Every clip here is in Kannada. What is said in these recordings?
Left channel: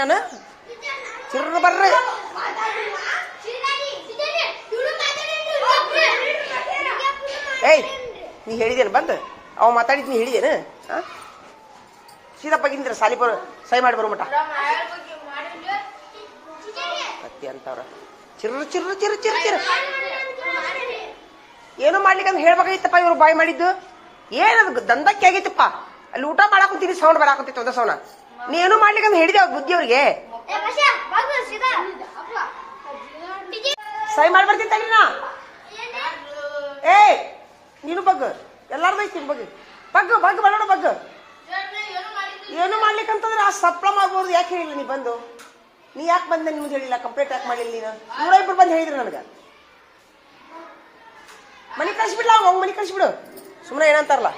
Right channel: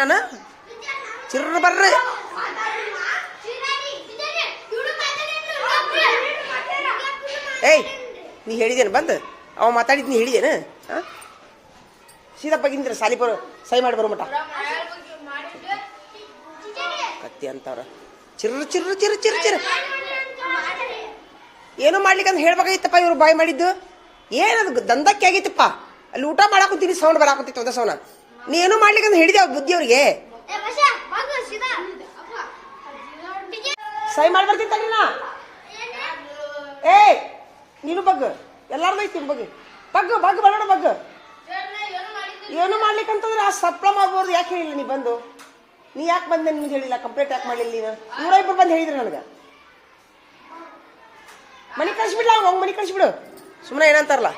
ನಾನು? ಚಿರ್ರ ಬರ್ರಿ. ಏಯ್, ನೀ ಹೇಳಿದೇನು ಬಂದು? ಅವ ಮಾತಾಡಿದ್ ನೀ ಹೇಳಿದೇನು? ಹಾಂ ಸೀದಪ್ಪಾಗಿಂದ್ರ ಸಾಲಿ ಬರೋ, ಸೈ ಮಾಡಿ ಬರೋ ಮಟ ಅತ್ತಿ ಅಂತವ್ರ. ಚಿರ್ರ ಚಿರ್ರ ಚಿರ್ರ ಚಿರ್ರ ಚಿರ್ರ. ಏನು ಮಾಡ್ಲಿಕ್ಕೆ ಅಂತ ಹೇಳ್ಬೇಕಾಗಿತ್ತಪ್ಪ ಇವ್ರು ಬಾಯ್ ಮಾಡಿದ್ದು? ಏನದು ದಂದಕ್ಕೆ ಆಗಿತ್ತಪ್ಪ? ಅಲ್ಲಿ ಊಟ ಮಾಡಾಕುಂತೀನಿ, ಸೌಂಡ್ ಬರಾಕುಂತಿತ್ತು ಅದ ಸೌಂಡ್ ನೀ ಏನು ಮಾಡ್ಲಿಕ್ಕೆ ಅಂತ ಹೇಳಿದೆ ಅವ್ರ ಬುದ್ಧಿ ಅವ್ರಿಗೆ. ಸೈ ಮಾಡಿ ಬರ್ತೀನಿ ತಗ್ರಿ ನಾ ಏ ನೀನು ಬಗ್ಗ. ಎಲ್ಲಾರ್ದು ಐತಿ ಬಗ್ಗು. ಬಗ್ಗು ಬಗ್ಗು ಬರೋಣ ಬಗ್ಗ. ಏನು ಮಾಡ್ಲಿಕ್ಕಂತಂದ್ರೆ ಆ ಸಪ್ಲಮ್ ಮಾಡ್ಬೋದು ಯಾಕೆ ಹೇಳಿಲ್ಲ ನೀ ಬಂದು? ನೀ ಯಾಕೆ ಬಂದೆ ನಿಮ್ಗೆ ಹೇಳಿಲ್ಲ? ಕಂಪ್ಲೇಂಟ್ ಯಾಕೆ ಮಾಡಿಲ್ಲ ನೀನು? ನೂರ ಇಬ್ಬರು ಬಂದು ಹೇಳಿದ್ರಿ ನನಗೆ. ಮನೆ ಕಳಿಸ್ಬಿಡ್ಲ? ಅವ್ನು ಮನೆ ಕಳಿಸ್ಬಿಡು. ಸುಮ್ಮನೆ ಏನಂತಾರಲ್ಲ.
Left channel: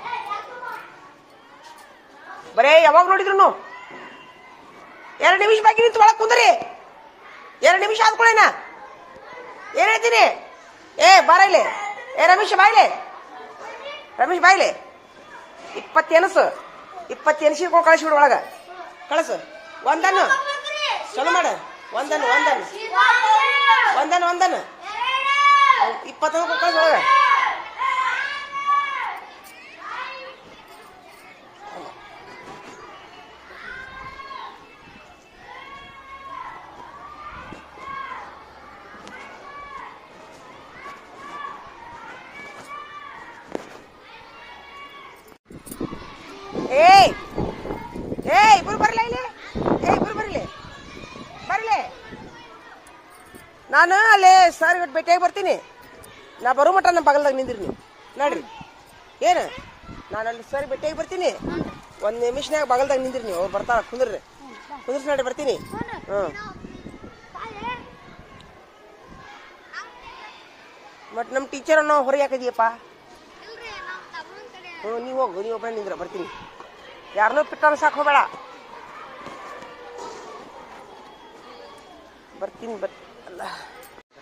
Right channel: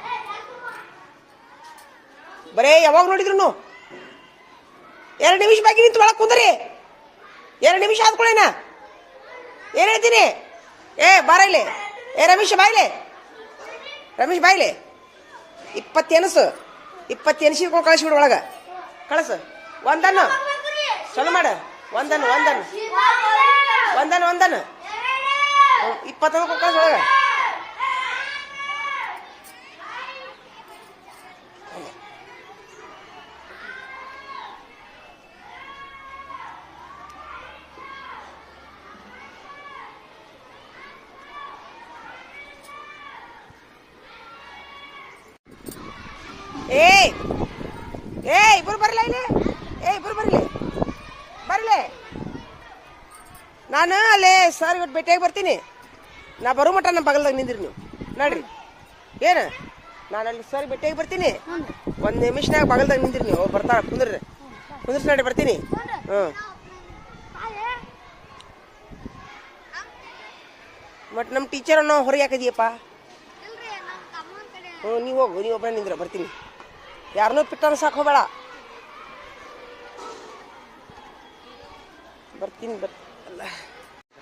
ಬರೇ ಯಾವಾಗ ನೋಡಿದ್ರು? ಎರಡು ನಿಮಿಷ ಬಾಕಿ ನಿಂತು ಒಳಗೆ ಕುಂದ್ರಿ. ಎರಡು ನಿಮಿಷ ಆದ್ಕೊಳ್ಳೇನ ಏನು ಹೇಳ್ತೀನಿ? ಏ ಬಾರೈಲೆ ಏ ರಮೇಶ್ ಬಾಯ್ಲೆ ರಮೇಶ್ ಬಾಯ್ಲೆ ಇಪ್ಪತ್ತೆನಸು ಎನಸು ಕಳಿಸಿ ಬಿಡು ಕಳಿಸ್ಬಿಡು ಒಳಗೆ. ಕಳಸು. ಒಂದನ್ನು. ಚಲೋ ಮಾಡ. ಒಂದನ್ನು ಒಂದನ್ನು. ಒಂದನ್ನು ಒಂದನ್ನು. ಇಪ್ಪತ್ತೊಂದು ಕಳಿಸ್ ಒಳಗೆ. ಏಯ್! ಇಬ್ರು ಬರಲ ಇಲ್ಲಿ? ಏ ಇಬ್ರು ಬರಲಿ. ಬರಲಿ. ನಾನು ಅಲ್ಲೇ ಸರ್ ಭೇಟಿಯಾಗಿ ಬರ್ತೀನಿ. ನಾ ಬರೋ ಮಟ್ಟ ನಮ್ಮ ಬಗಲ್ದಾಗ ನಿಂದಿರಿ ನೀವು. ನೋಡ್ರಿ. ಏನು? ನಾನು ಅಲ್ಲಿ ಸರ್ ಭೇಟಿಯಾಗಿ ಬರ್ತೀನಿ. ಒಂದು ನಿಮಿಷನಾಗ ಬಗಲ್ದಾಗ ನಿಂದಿರಿ ನೀವು. ಬರ್ತಾ ಕುಂದ್ರಿ ಕುಂದ್ರಿಸಿ ನೋಡಿ ಬರ್ತೀನಿ. ಹ್ಞೂ ಮತ್ತು ನಮ್ಮ ಟೀಚರನ್ನು ಹೊರಗೆ ಹಾಕಿದೀಯಪ್ಪ ಹ್ಞೂ ನೀವು ಹೋಗು, ನೀವು ನಿಂದ್ರ, ಬರ್ತೀನಿ. ಯಾರನ್ನೂ ಪಿಟ್ಟನ ಸಾಕು ಹೋಗಬೇಡ. ಬರ್ತೀನಿ, ಬರ್ ಅಲ್ಲ.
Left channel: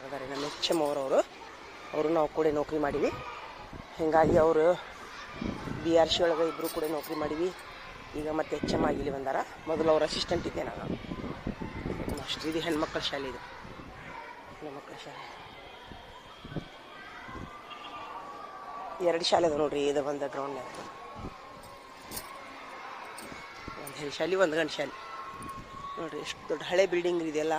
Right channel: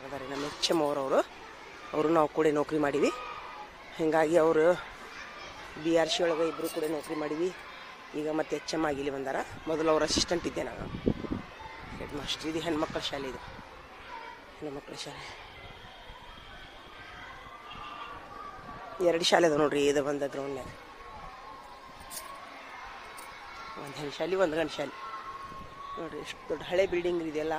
ಅದಾರೆ ನಮ್ಮ ಅವರವರು. ಅವರು ನಾವು ಕೂಡ ನೌಕರಿ ಮಾಡೀವಿ. ಹೀಗಾಗಿ ಅವರು ಬಿ ಆರ್ ಸಿ ಒಳಗೆ ಇಬ್ಬರು ಕೂಡ ನೌಕರಿ ಮಾಡೀವಿ. ಈಗ ಮತ್ತೆ ಎಚ್ ಎಂ ಆಗಿ ಇಲ್ಲಿ ಬಂದಾರ. ಮೊದಲು ಅವ್ರ ಅಸಿಸ್ಟೆಂಟ್ ಇದ್ದೆ ನಾನು. ಮಾಸ್ಟರ್ ಇದು ಹೆಣ್ಮಕ್ಳ ಶಾಲೆ ಇದು. ಹೆಣ್ಮಕ್ಳ ಶಾಲೆ. ಎರಡು ಶಾಲೆ ಅದ ನೋಡ್ರಿ, ಇದು ಬಂದ ಗ್ರೌಂಡ್ನಾಗ ಒಂದು ಹೆಣ್ಣು ಶಾಲೆ ಒಂದು ಗಂಡು ಶಾಲೆ. ನೋಡಿರಿ ಎಷ್ಟು ದೊಡ್ಡ ಹಳೆ ಬಿಲ್ಡಿಂಗ್ ಇದೆಯಲ್ಲ